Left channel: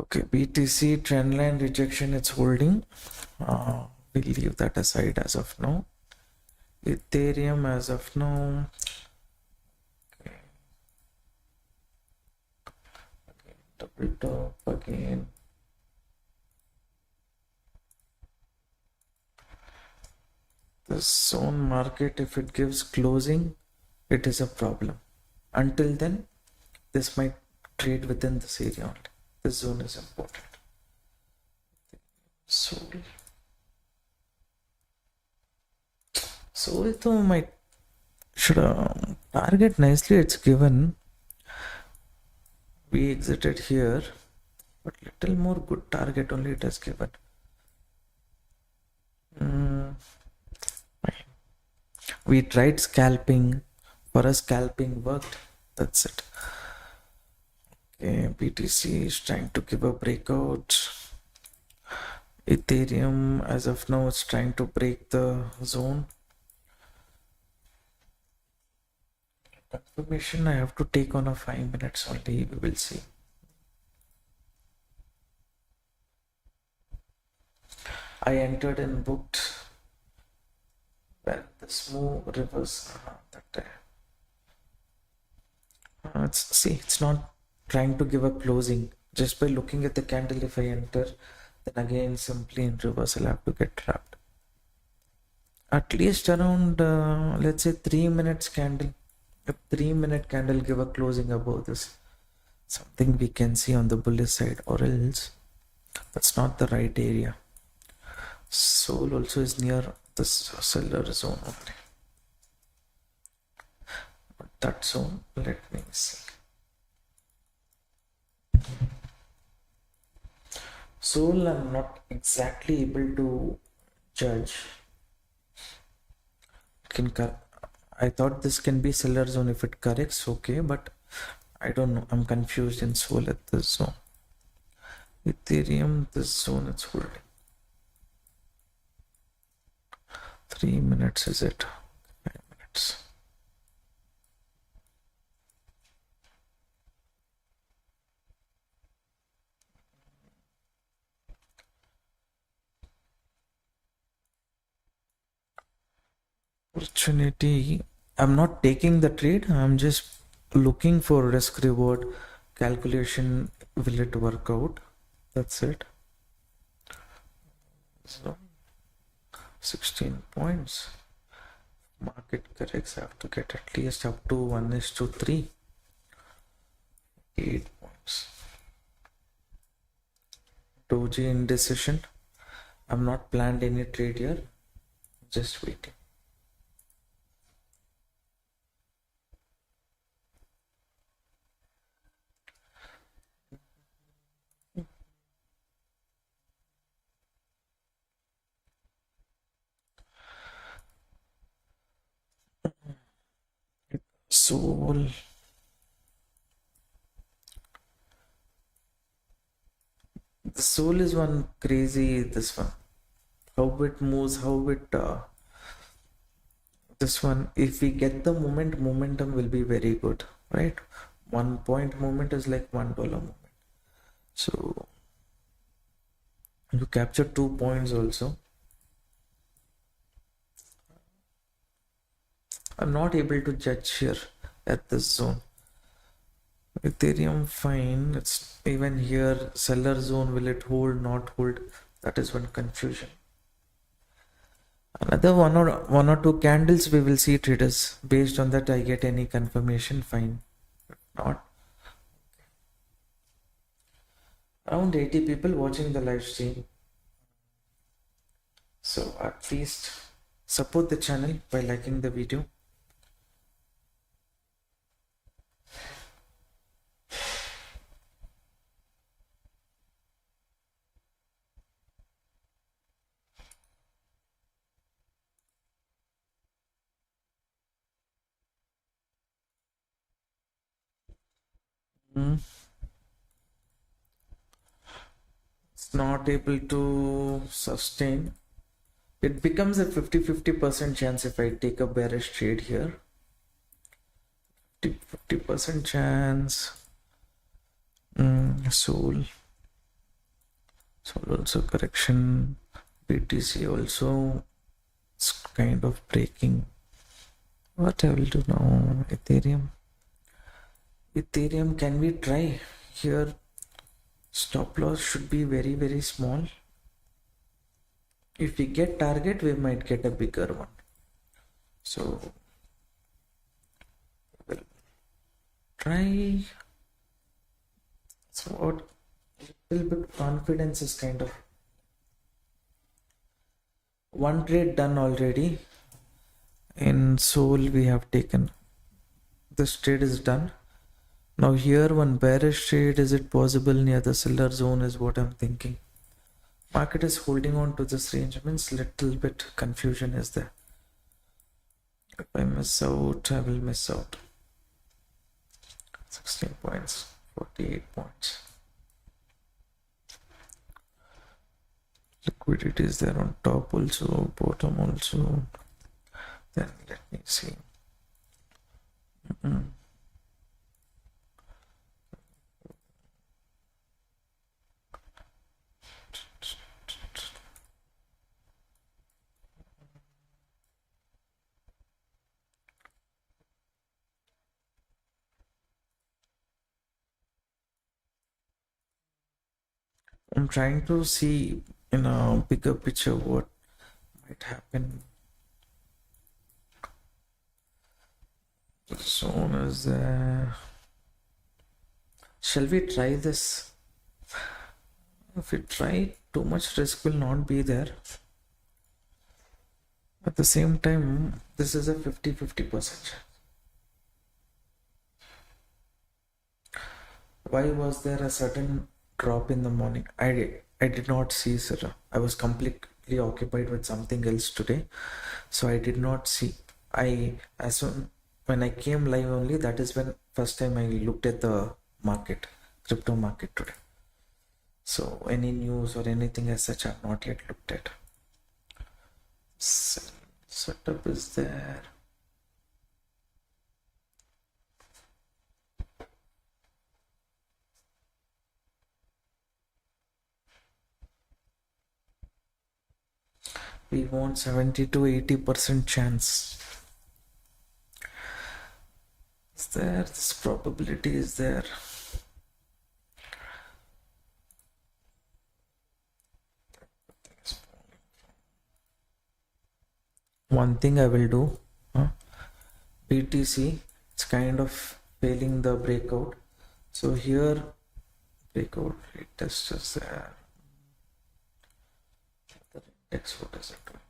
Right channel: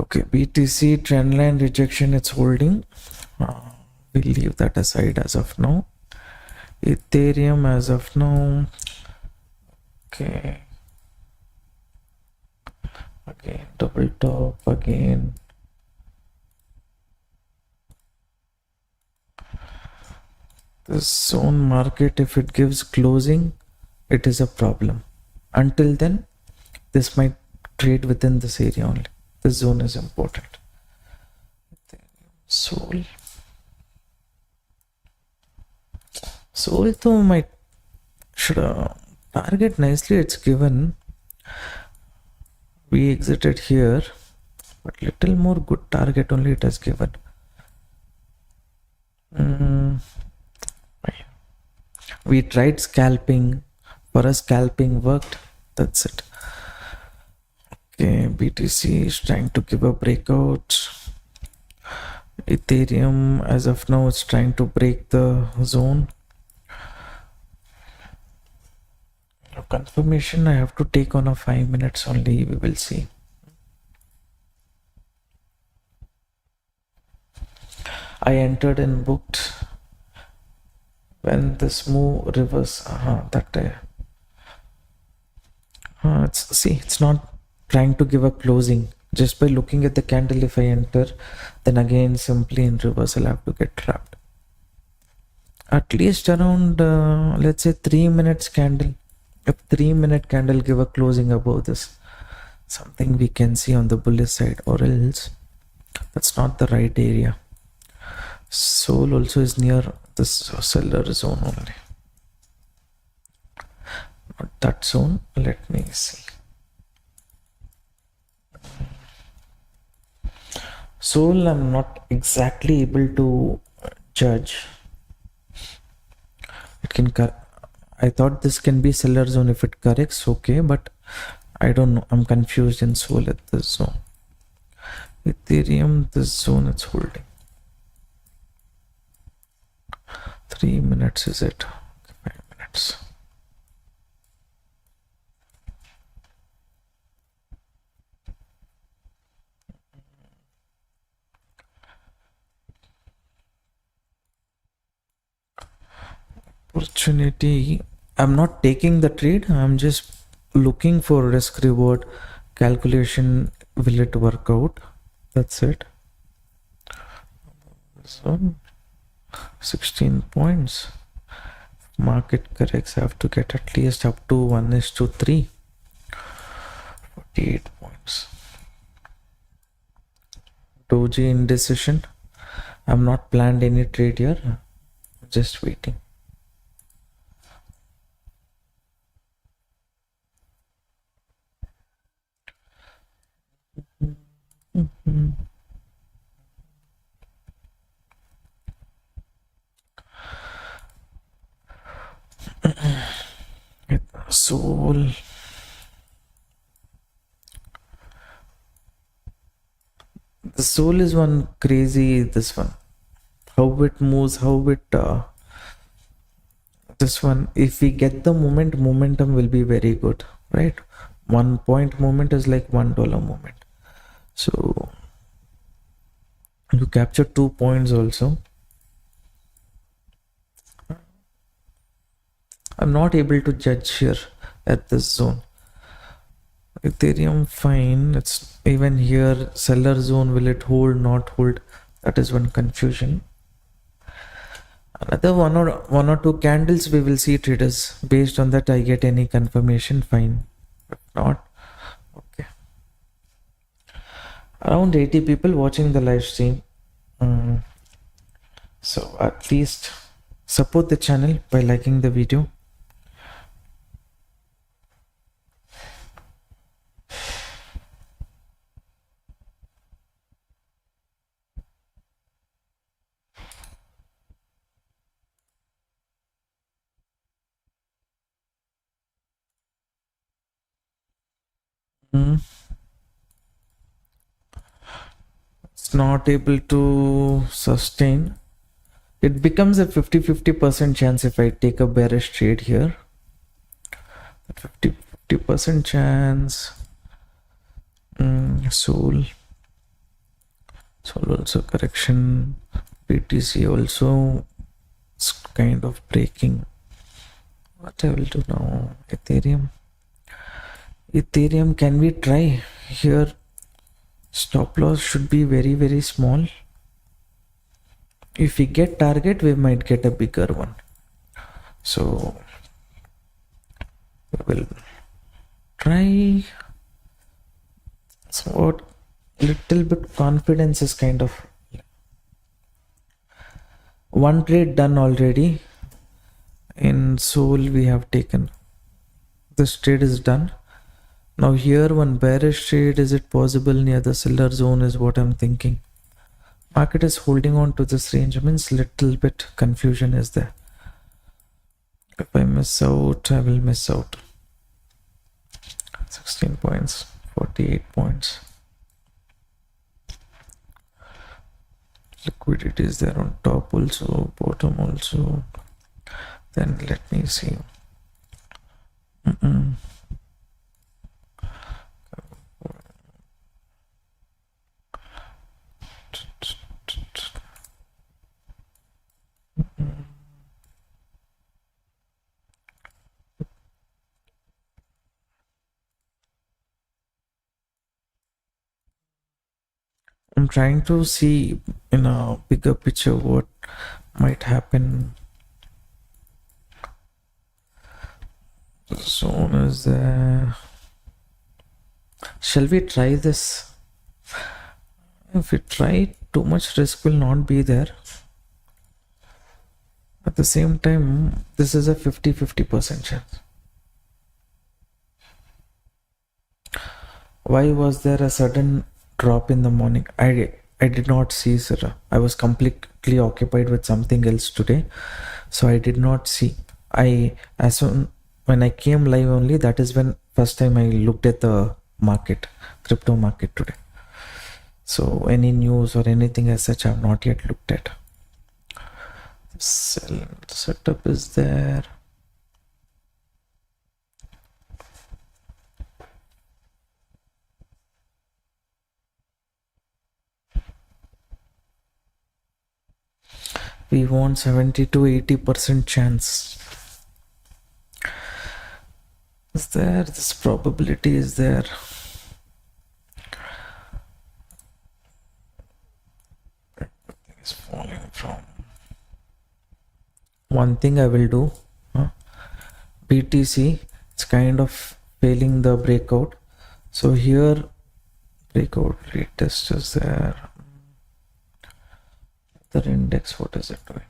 Okay, BTC trendline rejection, it's holding. We'll leave that aside as of now. Ethereum as of now. Okay. Again, double top again. The zone market, if it gives closing, it is a problem. Until then, this might trade within this area only. This zone is important. Sol though might should target nicely. It's given. We exited here, but little more good target only it has given. We tried scalping. For us, scalping worked. That's it. Okay, BTC is trying to give a breakout. Ethereum, as of now, is trying to break the zone. Confirmation I have to take on a 5 minutes only. We will see. I entered and booked when this move reverse. It's not trying to give a closing. Just by looking at the candle, if I enter, then again simply in reverse I'll have to get trapped. At least around let's say 3 minutes candle. If 3 minute candle give a closing above this, something we can see on the bullish side, or else that's not the right area. Sol also is near this seller zone only. Not that zone. Let me see. Sol I'm not exactly able to judge. It can I thought this can be seller zone if it corrects, okay, but I don't know. I'm confused in Sol at this zone. Ethereum, this zone it's holding. 3 minutes is it? 5 minutes. Opportunity. I'm not taking the trade. I'm just looking for risk reward calculation. Will it work out? That's it. So 16 points. Market corrects. I have to get at least up to 1:3. 48 points. Doji indecision. I'm not planned any trade here. Just waiting. Sol. The Sol is one crazy. This one, how it moves, how it this one. If we get the momentum will be very good, right? 1 point movement is like $1 movement. So you capture 2 points also. I'm not able to judge here at this zone. Ethereum fine. It's even here seller zone. Will it hold, not hold? That is one confusion. Another one or two candles we will see, traders. Based on that I get any confirmation, fine. If not, okay. Around 80 people watching the live stream. So at least support the channel by liking the video. It's not able to sustain. It becomes a 50% chance if I take a bearish trade here. 50% chance. Sol. So also correction. BTC also is kind of breaking. What I will do now? Ethereum, can we try here? Stop loss should be very, very small. If we get target, we might get a bigger one. So we will try. So what little bit confidence is kind of one trade done already. In Soul we have taken. This trade is done. Now here one bearish trade, is it possible near the seller zone is what I'm thinking. Market is holding on to this range, means little bit confusion is there. If I miss out, I will miss out. 16 points, 48 points. Liquidity is there on top also, bottom also. Then let me see. I'm trying to see in a bigger picture what might happen. The zone is there. Shall we try this? If we try, too much risk will not be there. At the same time, this is a 50-50% chance. Why was there a sudden drop in the morning? I did not see, sir. I was completely occupied with something else today, so I did not see. As soon when I came live only, that is when first time I looked at the market, crypto market today. So any news or anything as such, I have not yet looked at. Sell setup is there. We want 70 to 80% chance. Is there? This probability is there. Everything is falling from. One thing I will do, BTC, it's kind of failing the breakout. So here, breakout retest is there. The index, what is it doing?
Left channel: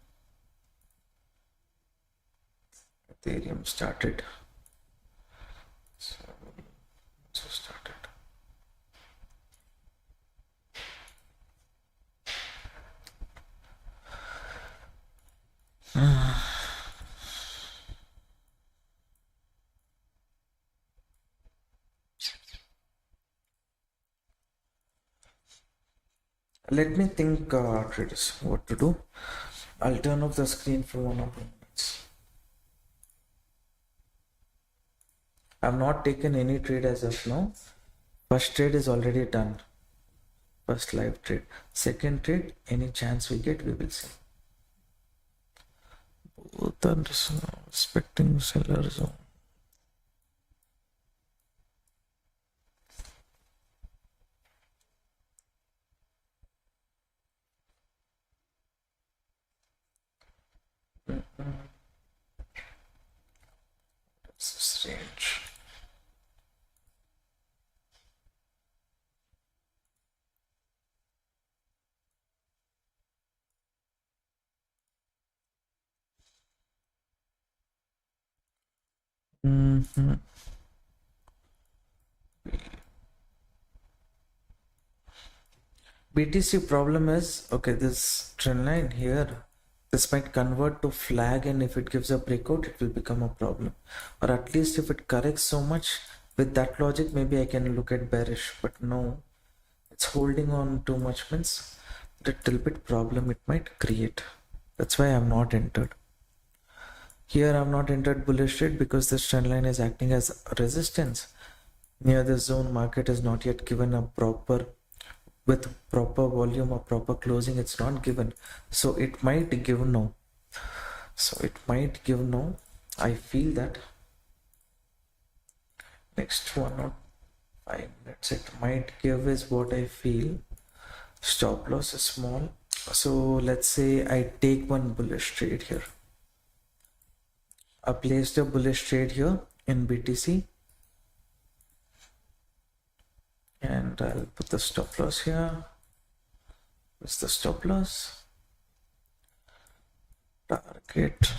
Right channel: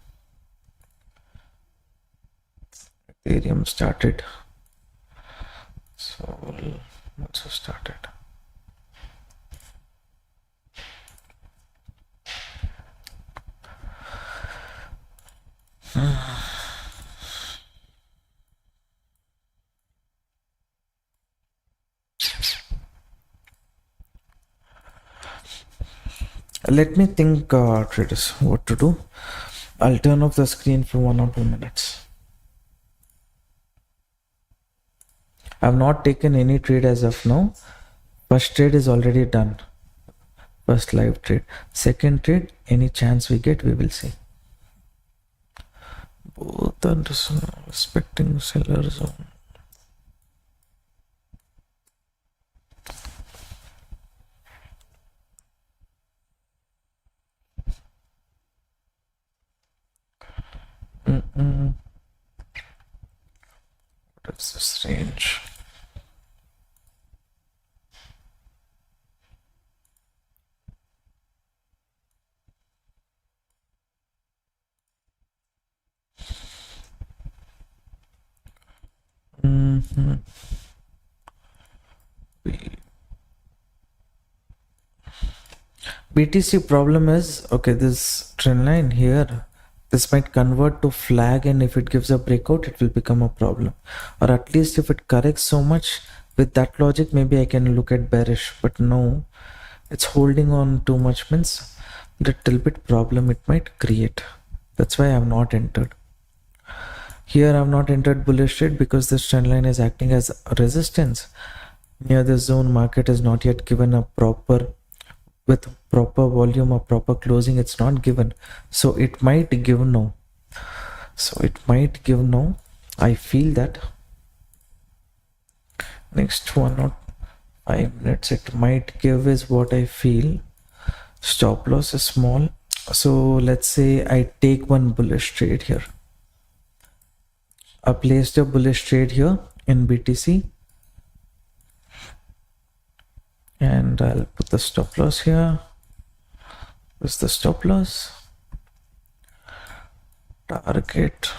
Ethereum started. So also started. Let me think, traders, what to do. I'll turn off the screen for 1 or 2 minutes. I've not taken any trade as of now. First trade is already done. First live trade. Second trade, any chance we get, we will see. Both are respecting seller zone. What is this range? BTC problem is, okay, this trend line here, this might convert to flag, and if it gives a breakout, it will become a problem. Or at least if it corrects so much, with that logic, maybe I can look at bearish, but no, it's holding on too much, means little bit problem it might create. That's why I have not entered. Here I have not entered bullish trade because this trend line is acting as a resistance. Near the zone, market is not yet given a proper with proper volume or proper closing. It's not given, so it might give now. I feel that next 1 or 5 minutes it might give is what I feel. Stop loss is small, so let's say I take one bullish trade here. I placed a bullish trade here in BTC, and I'll put the stop loss here. This is the stop loss. Target,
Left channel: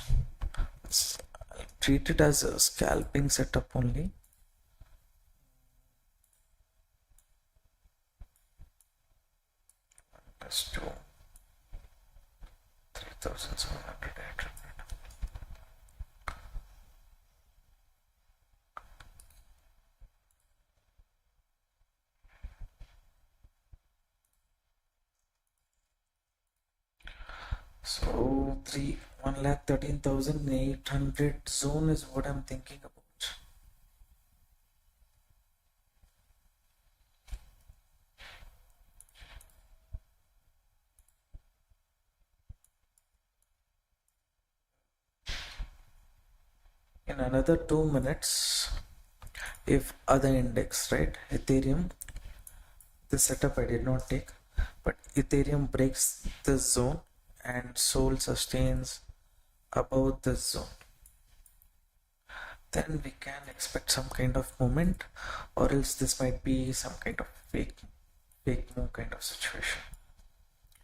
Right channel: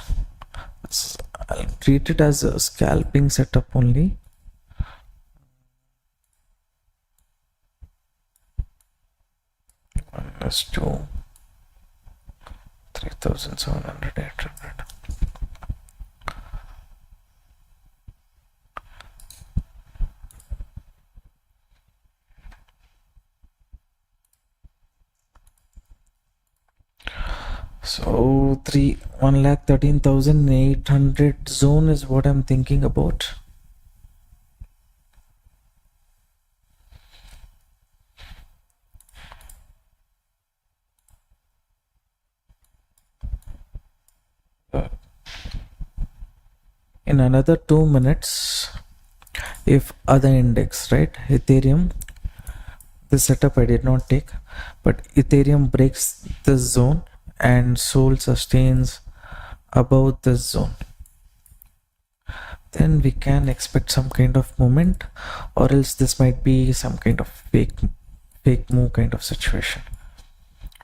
I'll treat it as a scalping setup only. Let's do 3,700, 800. So 1,13,800 zone is what I'm thinking about. In another 2 minutes, if other index, right, Ethereum, this setup I did not take, but Ethereum breaks this zone and Sol sustains above this zone, then we can expect some kind of movement, or else this might be some kind of fake move kind of situation.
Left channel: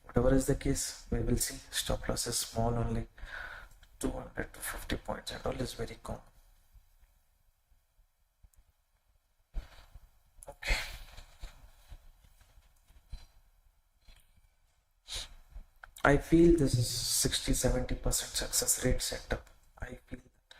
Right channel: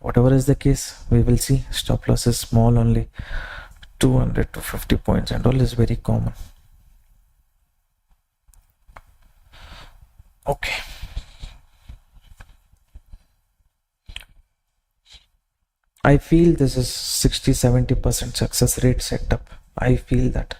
Whatever is the case, we will see. Stop loss is small only, 200 to 50 points and all is very common. Okay, I feel this is 60-70% success rate setup. I feel that.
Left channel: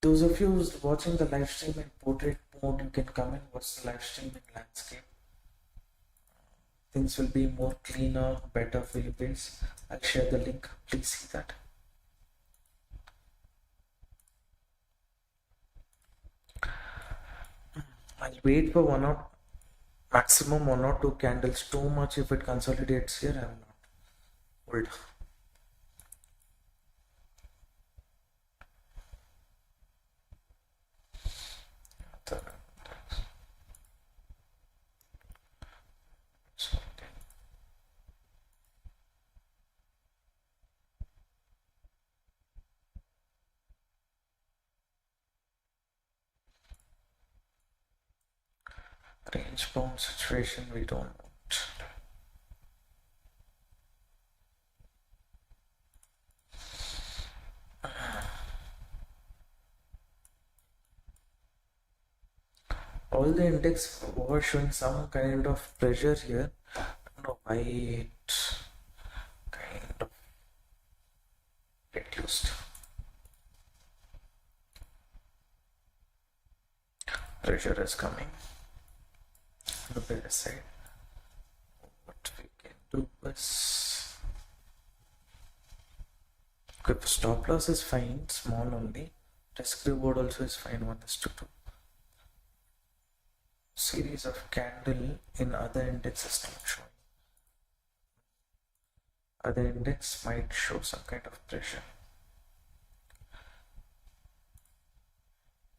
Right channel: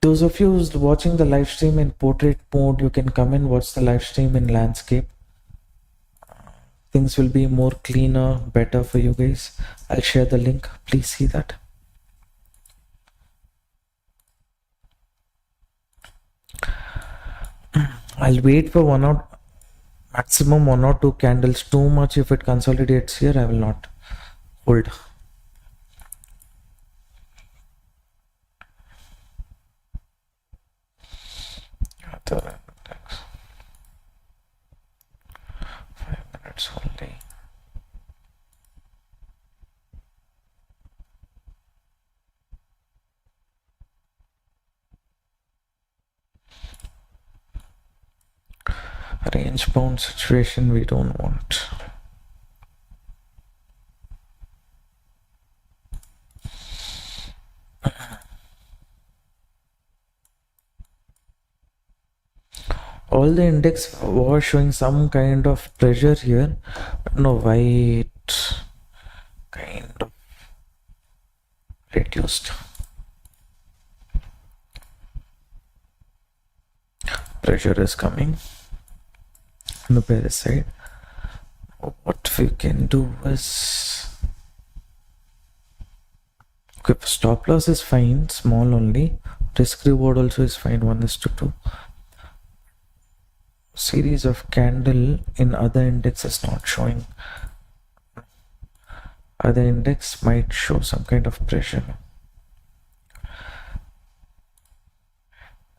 Those of you who's watching the live stream in portrait mode, you can come and watch the live stream in landscape. Things will be more cleaner, better for you guys. I'll share the link. Please see that. I'll wait for maximum 1 or 2 candles. Too much if it consolidates here, I will not hold. Other index. 5 minutes only. Range bound situation we don't want. All the index was showing some kind of pressure here, but no, why it kind of reduced. Pressure is coming on the bearish side. What we can do is, okay, stop loss is fine, small only. Risk reward also is fine, 1:2. Series of candle in other index is not showing. Other index might show some kind of pressure.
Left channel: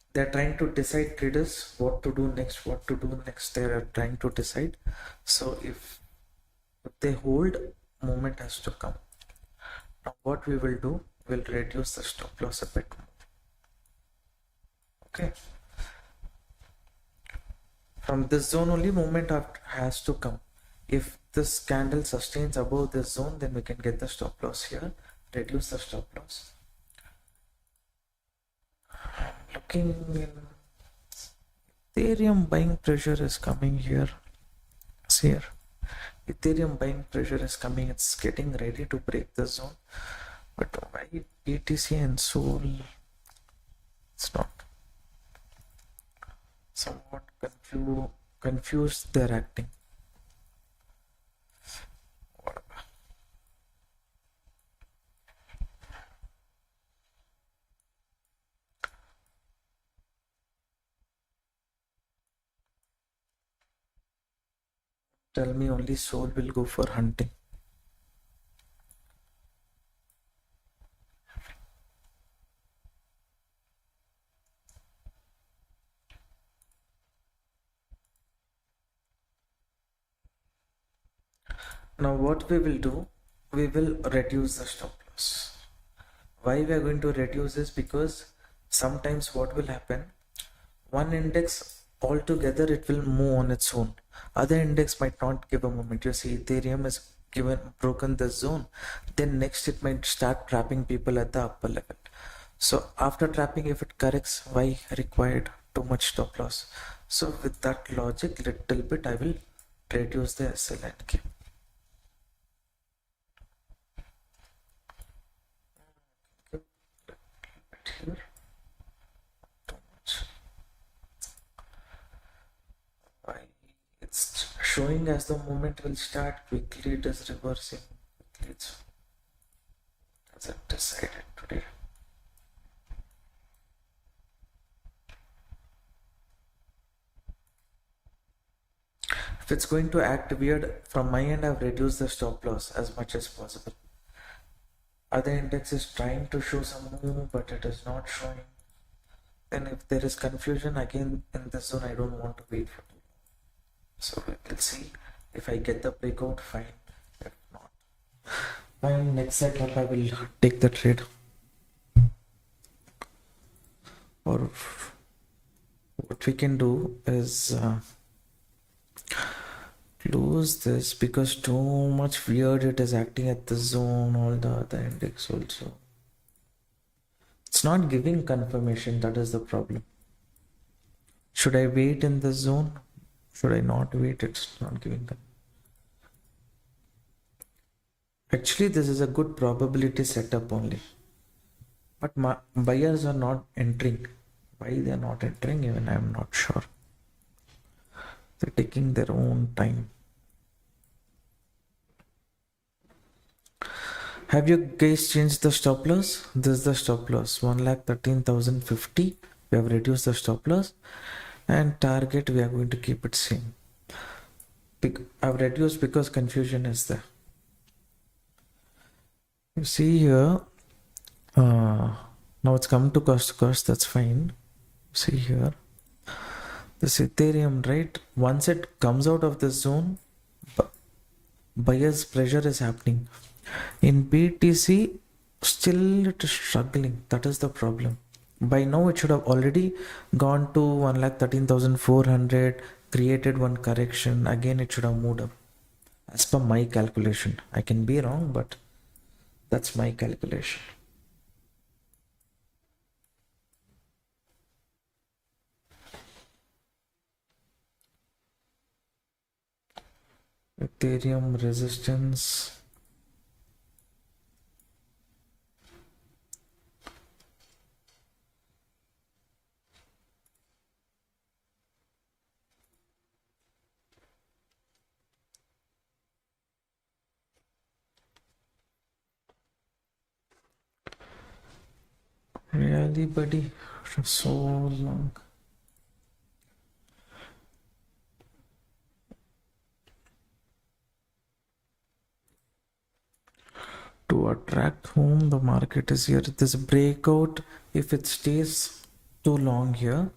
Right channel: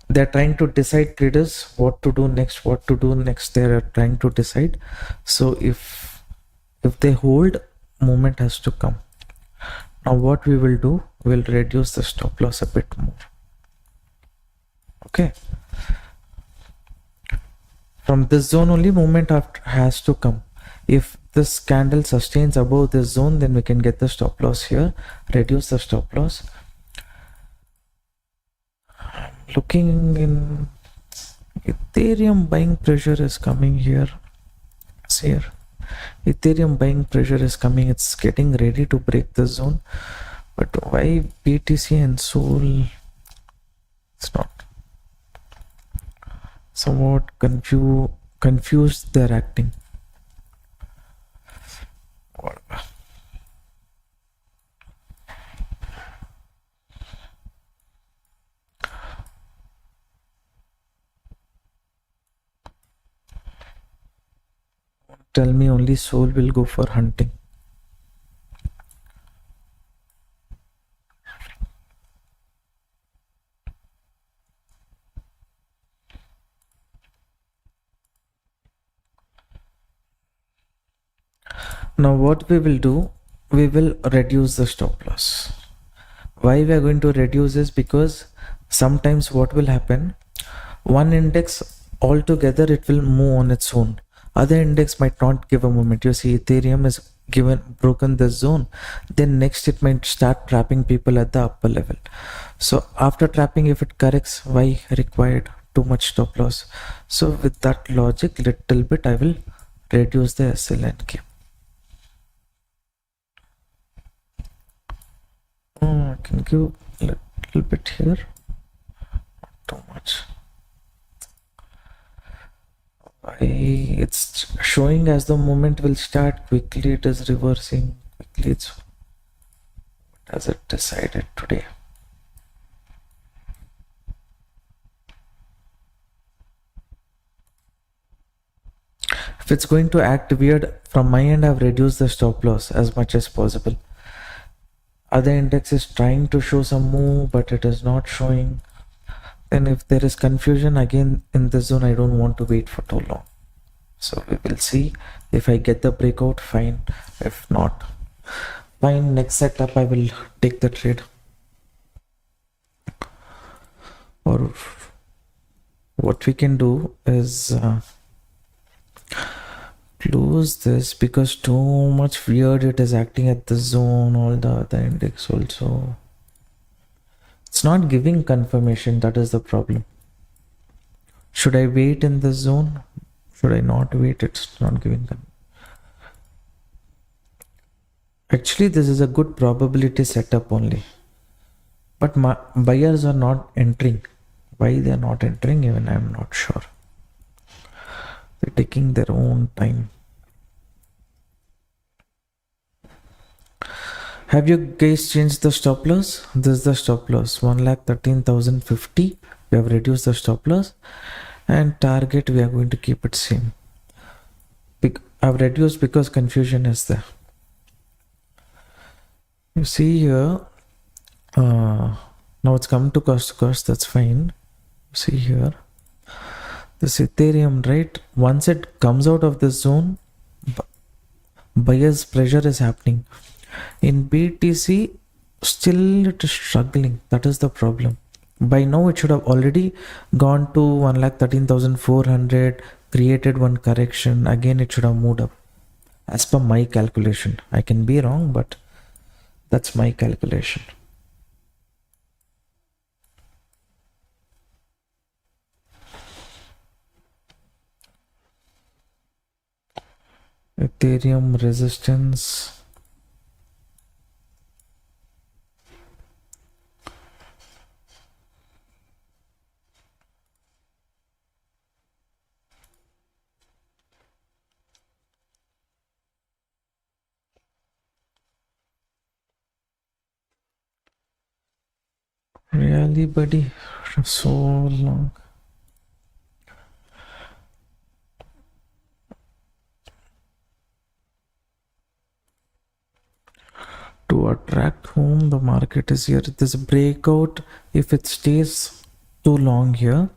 They're trying to decide, traders, what to do next. They're trying to decide. So if they hold, movement has to come. Now what we will do, we'll reduce the stop loss a bit more. Okay, from this zone only movement has to come. If this candle sustains above this zone, then we can get the stop loss here, reduce the stop loss. Looking in Ethereum, buying pressure is coming here. See here, Ethereum buying pressure is coming. It's getting ready to break the zone, But why BTC and Sol? It's not. Somewhat confused they're acting. Whatever. Tell me only Sol will go for hunting. Now what we will do, we will reduce the stop loss. Why we are going to reduce is because sometimes what will happen, one index altogether it will move on its own, other index might not give a moment. You see Ethereum is broken this zone, then next it might start trapping people at the upper level. So after trapping, if it corrects, why required too much stop loss? So with that logic, little bit I will reduce the SLNK. I can give a little bit here, not too much. It's showing as the movement will start, quickly it is reversing, quickly it's what has it decided today. If it's going to act weird, from my end I've reduced the stop loss as much as possible. Other index is trying to show some move, but it is not showing. Then if there is confusion again in this zone, I don't want to wait for too long. So we will see. If I get the breakout, fine. If not, fine. Next setup, I will take the trade. Or what we can do is close this, because too much weird it is acting at the zone, all the other index also. It's not giving confirmation, that is the problem. Should I wait in the zone? Should I not wait? It's not giving confirmation. Actually, this is a good probability setup only. But buyers are not entering. Why they are not entering, even I am not sure. They're taking their own time. Have you guys changed the stop loss? This is the stop loss, 1,13,050. We have reduced the stop loss, and target we are going to keep it same. I've reduced because confusion is there. You see here, now it's come to cost, that's fine. See here, this Ethereum, right? Once it comes out of this zone, buyer's pressure is happening. In BTC, still it is struggling. That is the problem. By now, it should have already gone to 1,13,400, created one correction. Again, it should have moved up. As per my calculation. I can be wrong, but that's my calculation. Ethereum resistance. Really, buddy? So long. To attract whom the market is here. This breakout, if it stays too long here,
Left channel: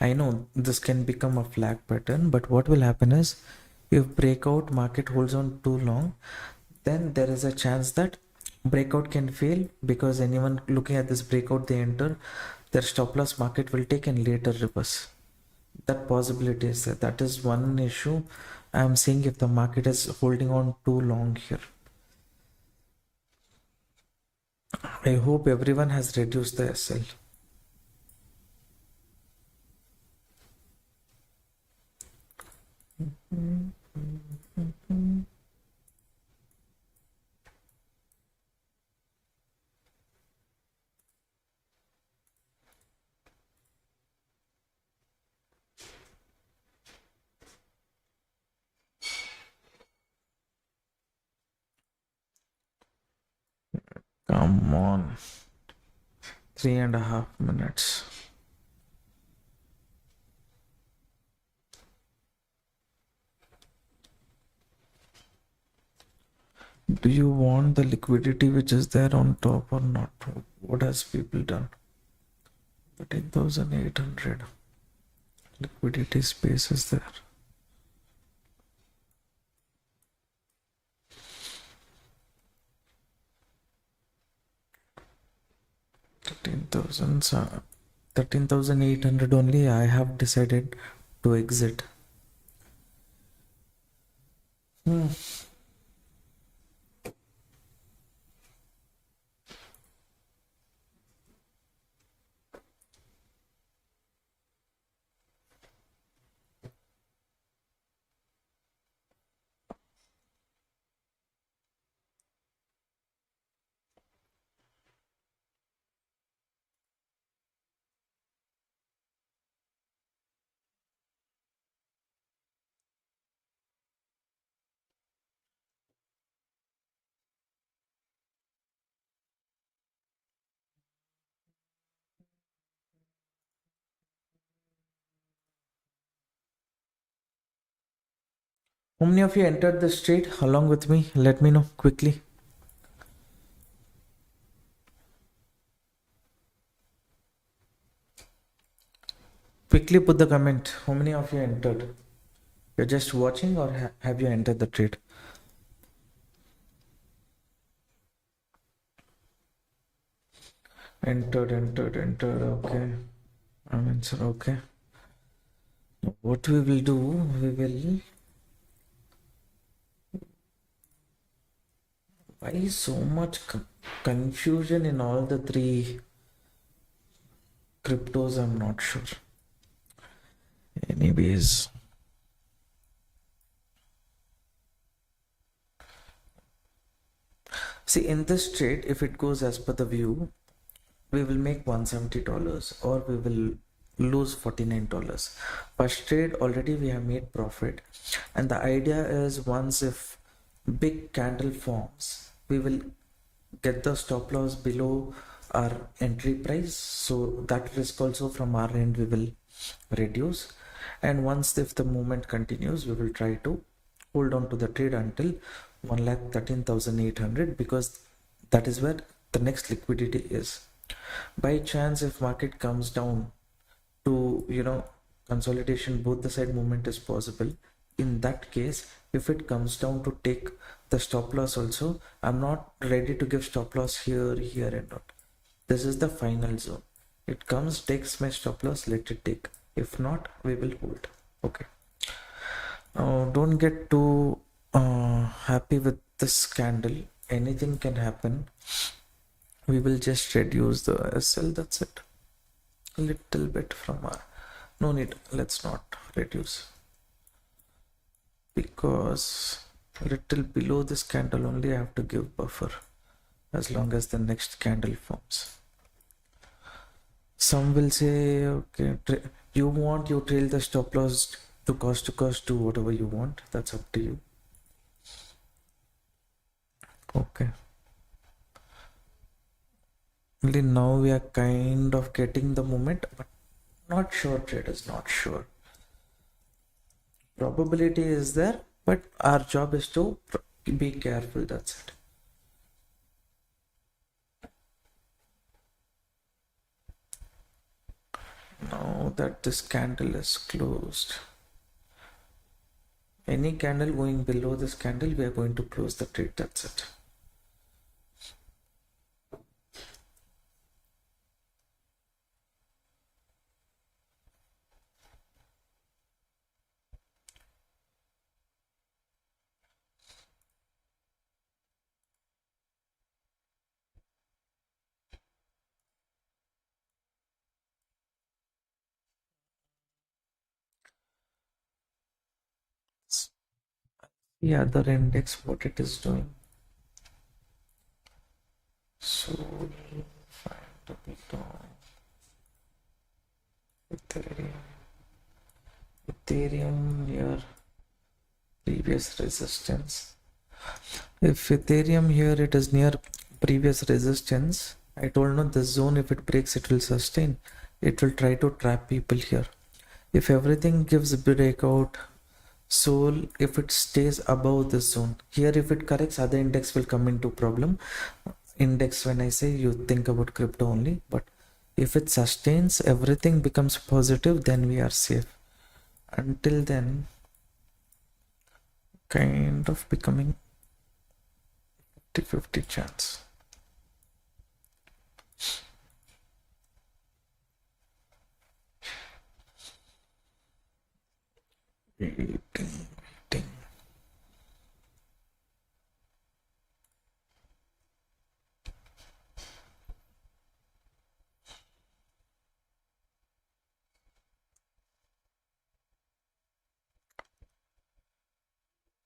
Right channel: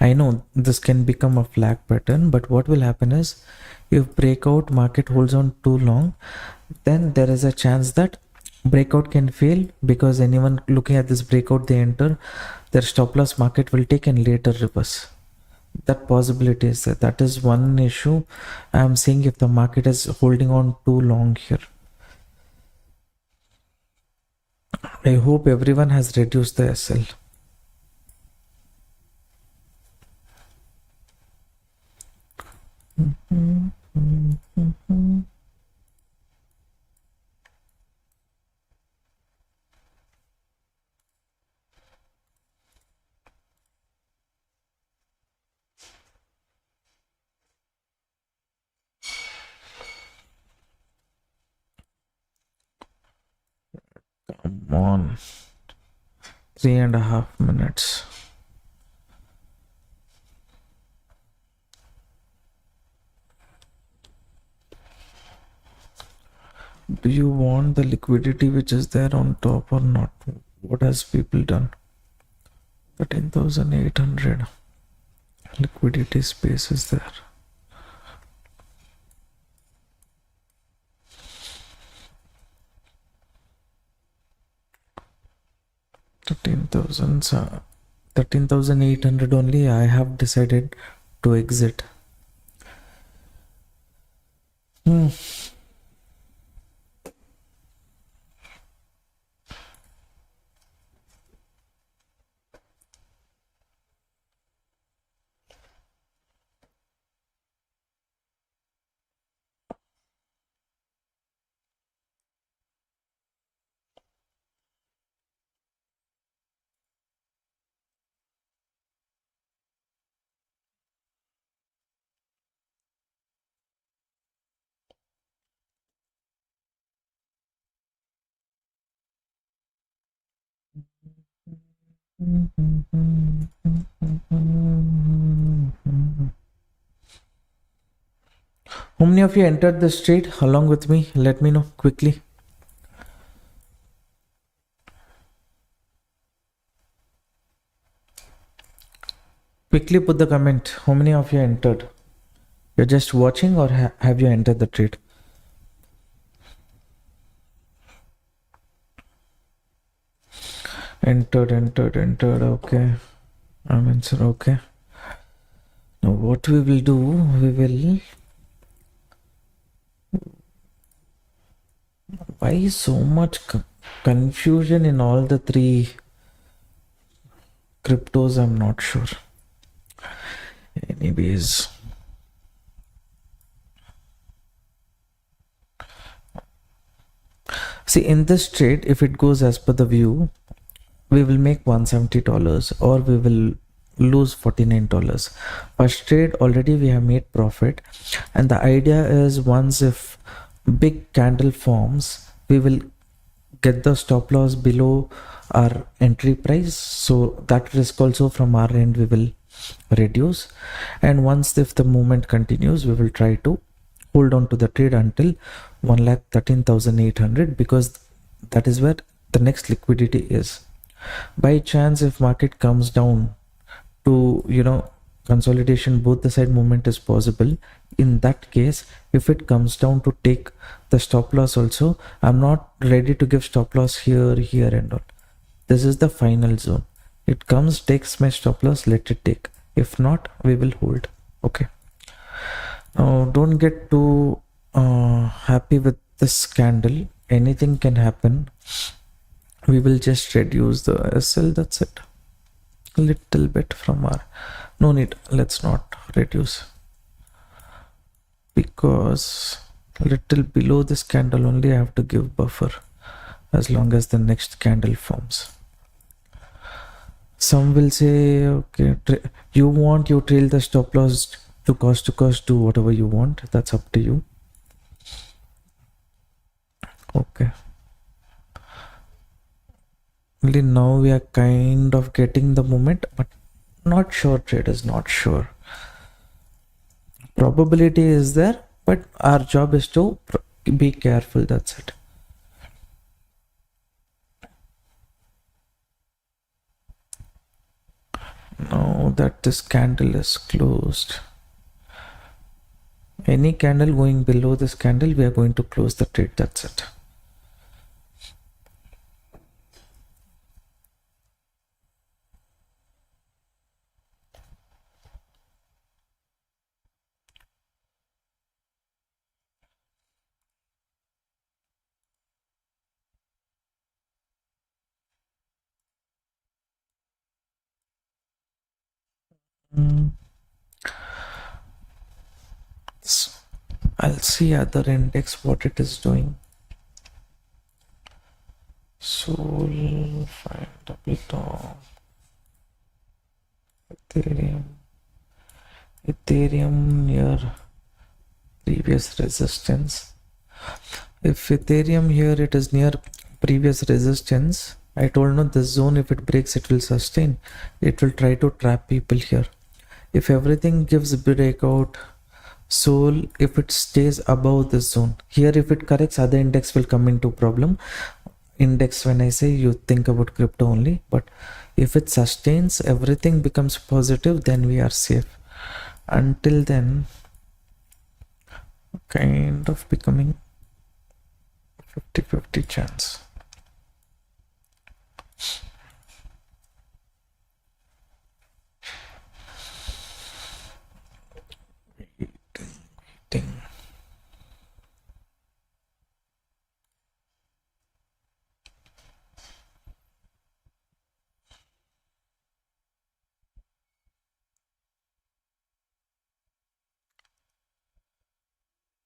I know this can become a flag pattern, but what will happen is, if breakout market holds on too long, then there is a chance that breakout can fail, because anyone looking at this breakout, they enter, their stop loss market will take and later reverse. That possibility is there. That is one issue I am saying, if the market is holding on too long here. I hope everyone has reduced the SL. Come on. 3.5 minutes. Do you want the liquidity which is there on top or not? What has people done? 13,800 liquidity space is there. 13,800 only. I have decided to exit. How many of you entered this trade along with me? Let me know quickly. Quickly put the comment. How many of you entered? You're just watching or have you entered the trade? Entered. Okay. I'm answer. Okay. Now what we will do, we will... Why so much confusion in all the three cryptos? I'm not sure. Anyways. See, in this trade, if it goes as per the view, we will make $170 or we will lose $49. First trade already we have made profit, and the idea is once if big candle forms, we will get the stop loss below our entry price, so that risk also from our end we will reduce. And once if the movement continues, we will try to hold on to the trade until 1,13,800, because that is where the next liquidity is. By chance, if market comes down to consolidation, both the side movement is possible. In that case, if it comes down to take the stop loss also, I'm not ready to give stop loss here and all. This is the final zone. It comes, takes my stop loss, let it take. If not, we will hold. Okay. Now don't get too happy with this candle. Anything can happen. We will just reduce the SL, that's it. A little bit from our... No need, let's not reduce. Because a little below this candle only I have to give buffer as long as the next candle forms. Some will say, okay, you trail the stop loss to cost, do whatever you want. That's up to you. Okay. Only now we are kind of getting the moment, but not sure, traders, not sure. Probability is there, but our job is to be careful, that's it. Now that this candle is closed, any candle going below this candle, we are going to close the trade, that's it. So I'll see other index what it is doing. Sol, fine, double top, Ethereum near previous resistance. If Ethereum here it is near previous resistance, I told no, this zone, if it breaks, it will sustain. It will try to trap people here. If everything gives breakout, so if it stays above this zone, here if it corrects, other index will come into problem. Index, when I say, you think about crypto only, but if it sustains, everything becomes positive, then we are safe. Until then, kind of becoming 50-50 chance. Waiting.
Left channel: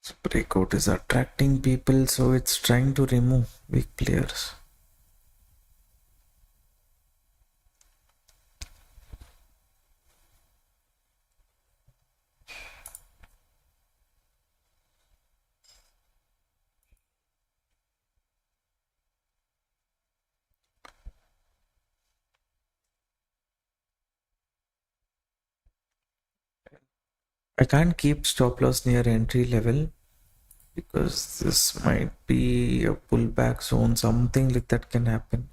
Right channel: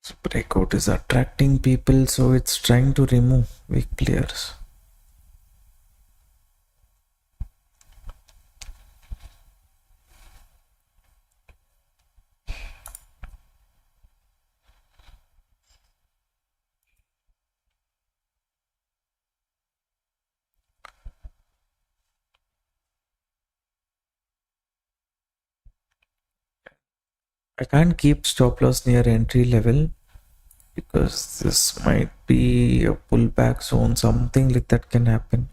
So breakout is attracting people, so it's trying to remove weak players. I can't keep stop loss near entry level because this might be a pullback zone, something like that can happen.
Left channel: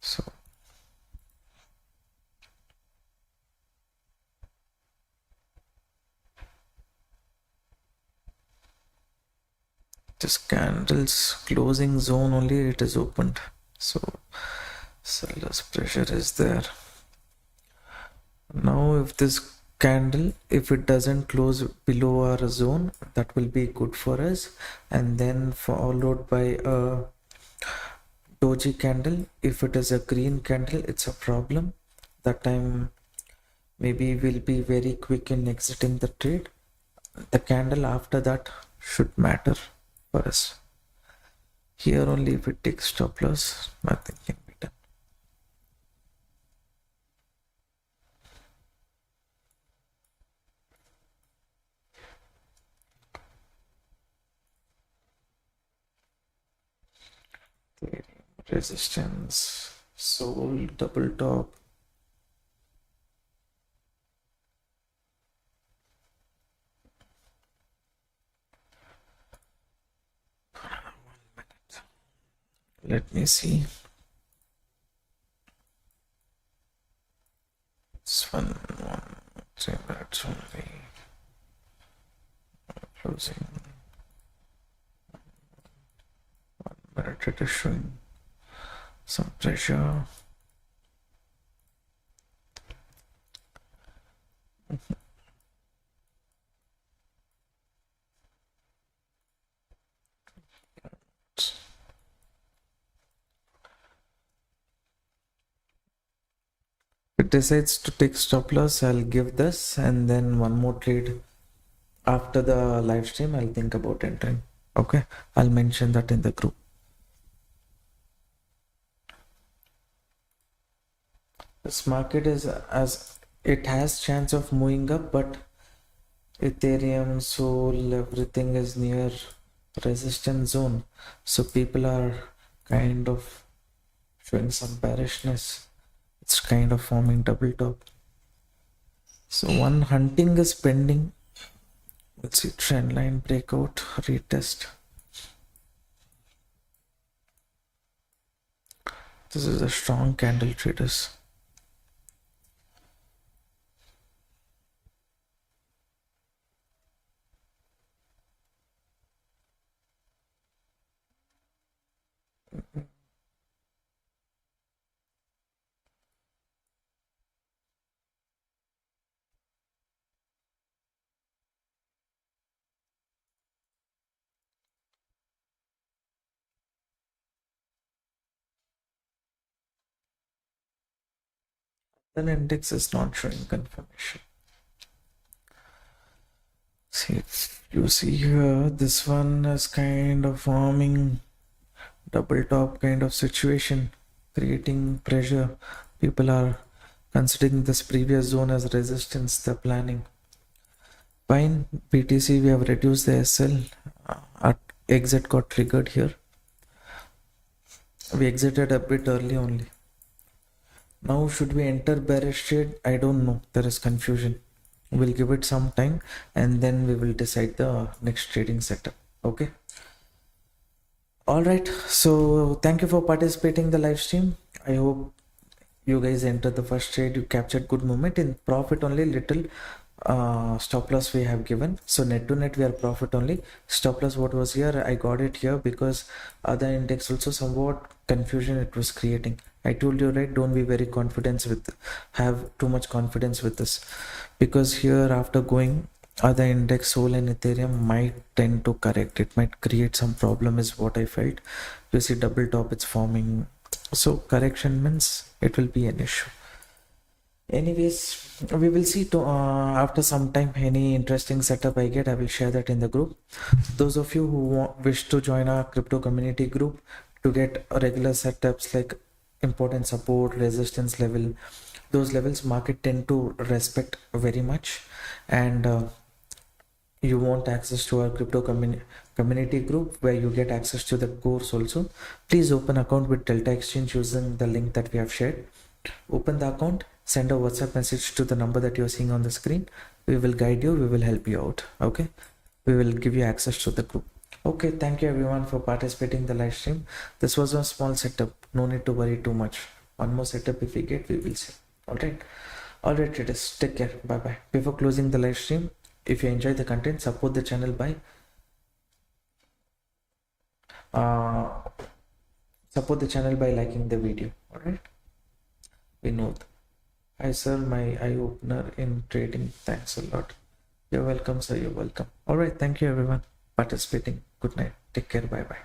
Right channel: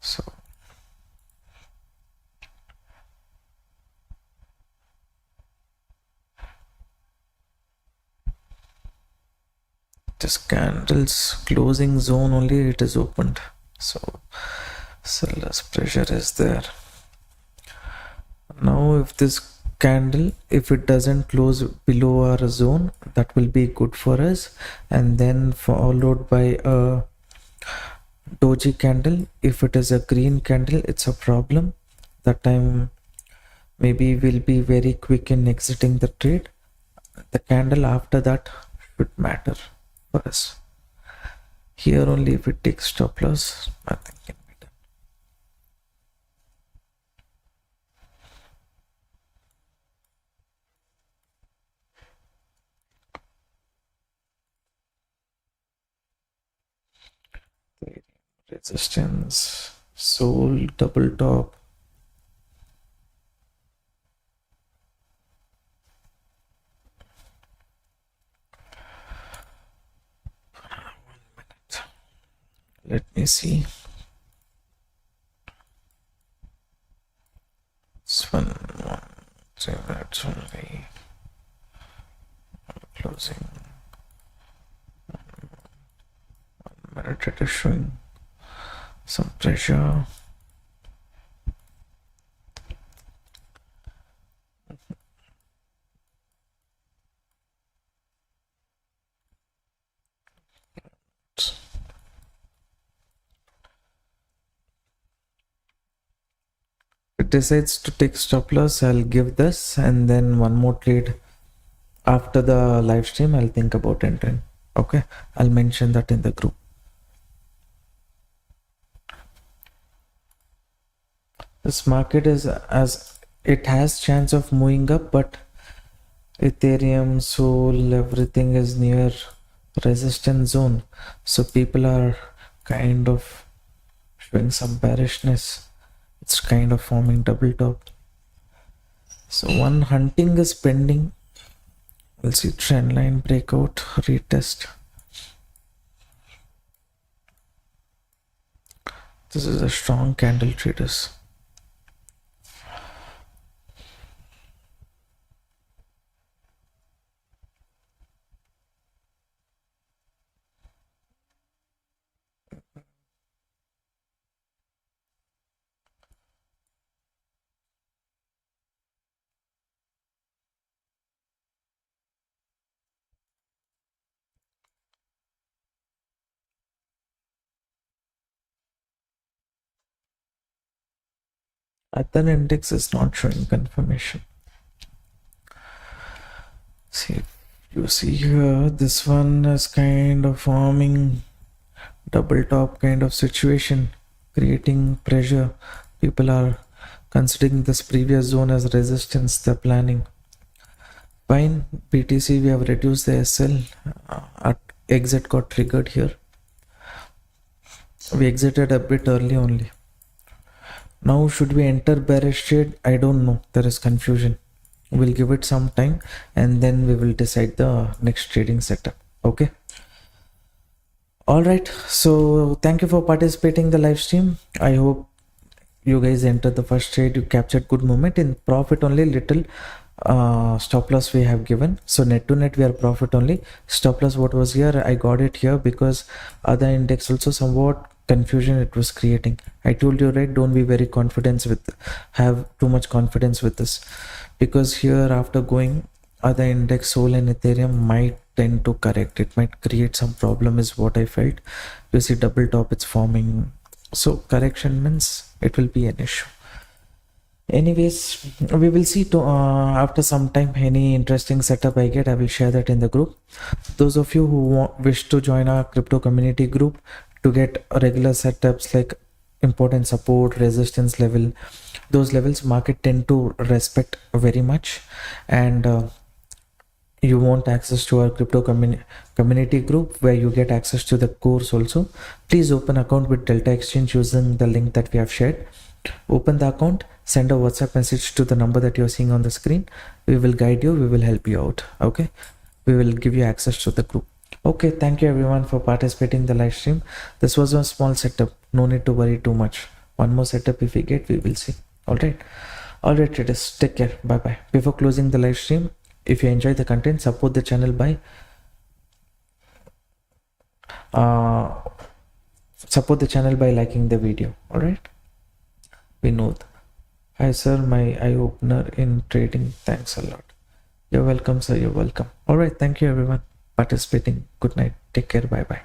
So this candle's closing zone only, it is opened, so seller's pressure is there. Now if this candle, if it doesn't close below our zone, that will be good for us, and then followed by a doji candle. If it is a green candle, it's a problem. That time maybe we'll be very quick in exiting the trade. The candle after that should matter for us. Here only, if it takes stop loss, nothing can be done. Resistance, sold, double top. Let me see. It's 3 minutes only. Closing. 1 minute, it is showing some pressure. If it decides to take stop loss, I'll give this, and then one more trade after the live stream. I'll think about entering. Okay, I'll mention that in the group. This market is, as it has chance of moving up, but Ethereum, Sol, everything is near resistance zone, so people are kind of showing some bearishness. It's kind of forming double top. So one hunting is pending. We'll see trend line breakout, retest. This is a strong candle, traders. Other index is not showing confirmation. See, if you see here, this one is kind of forming double top kind of situation, creating pressure. People are considering this previous zone as resistance. They're planning. Fine, BTC, we have reduced the SL. At exit got triggered here. We exited a bit early only. Now should we enter bearish trade? I don't know. There is confusion. We'll give it some time and then we will decide the next trading setup. Okay. All right. So thank you for participating in the live stream. I hope you guys entered the first trade. You captured good movement in profit only. Little stop loss we have given. So net to net we are profit only. Stop loss what was here, I got it here because other index also somewhat confusion it was creating. I told you, right, don't be very confident with, have too much confidence with this, because here after going other index, Sol and Ethereum might tend to correct. It might create some problem is what I felt. You see double top it's forming, so correction means it will be an issue. Anyways, we will see to, after some time any interesting setup I get, I will share that in the group. Those of you who wish to join our crypto community group to get regular setups like important support, resistance level, those levels market tend to respect very much, and you want access to our crypto community group where you get access to the course also. Please open account with Delta Exchange using the link that we have shared. Open the account, send a WhatsApp message to the number that you're seeing on the screen. We will guide you, we will help you out. Okay, we will give you access to the group. Okay, thank you everyone for participating in the live stream. This was a small setup, no need to worry too much. One more setup if we get, we will see. All right traders, take care, bye bye. Before closing the live stream, if you enjoy the content, support the channel by liking the video. All right, Vinod, hi sir, my eye opener in trading. Thanks a lot. You're welcome, sir. You're welcome. All right, thank you everyone participating. Good night. Take care. Bye bye.